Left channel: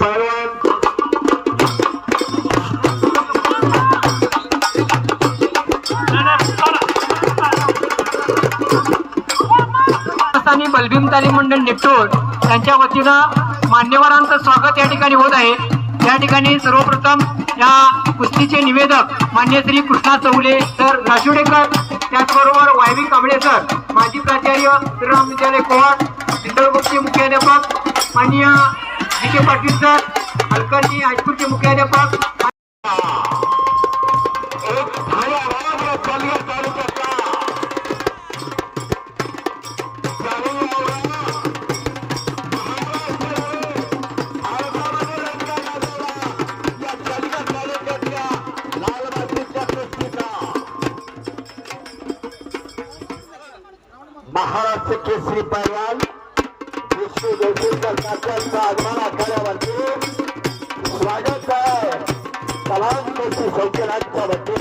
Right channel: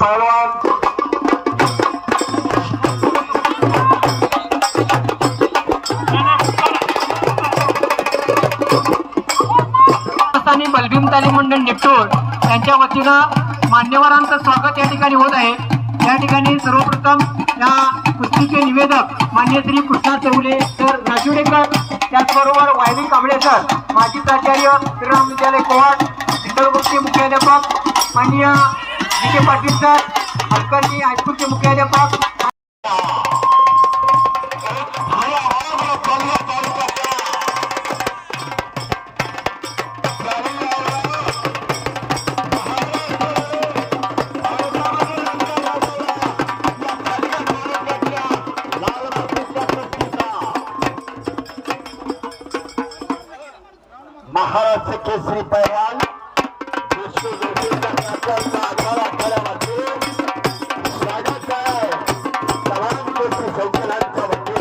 पहलवान बलभीम तालीम मंडळ निपटूर यांच्या वतीनं मान्यवरांचं स्वागत या ठिकाणी होत आहे। या ठिकाणी सर्वप्रथम या कुस्तीचे निवेदक मान्य श्री कृष्णा चौले सर राजुडेकर, त्याचबरोबर वायवी कांबळे सर, माजी प्राचार्य श्रीराम विद्यालय कोहाट, इंदोरचे मुख्याध्यापक माननीय जी.के. पाटील सर, हलकर्णी हायस्कूलचे मुख्याध्यापक महाराष्ट्र केसरी पहलवान विष्णू जोशींचा आगमन आखाड्यावरती स्वागत आहे। तमाम गोष्टी सौजन्यांच्या वतीने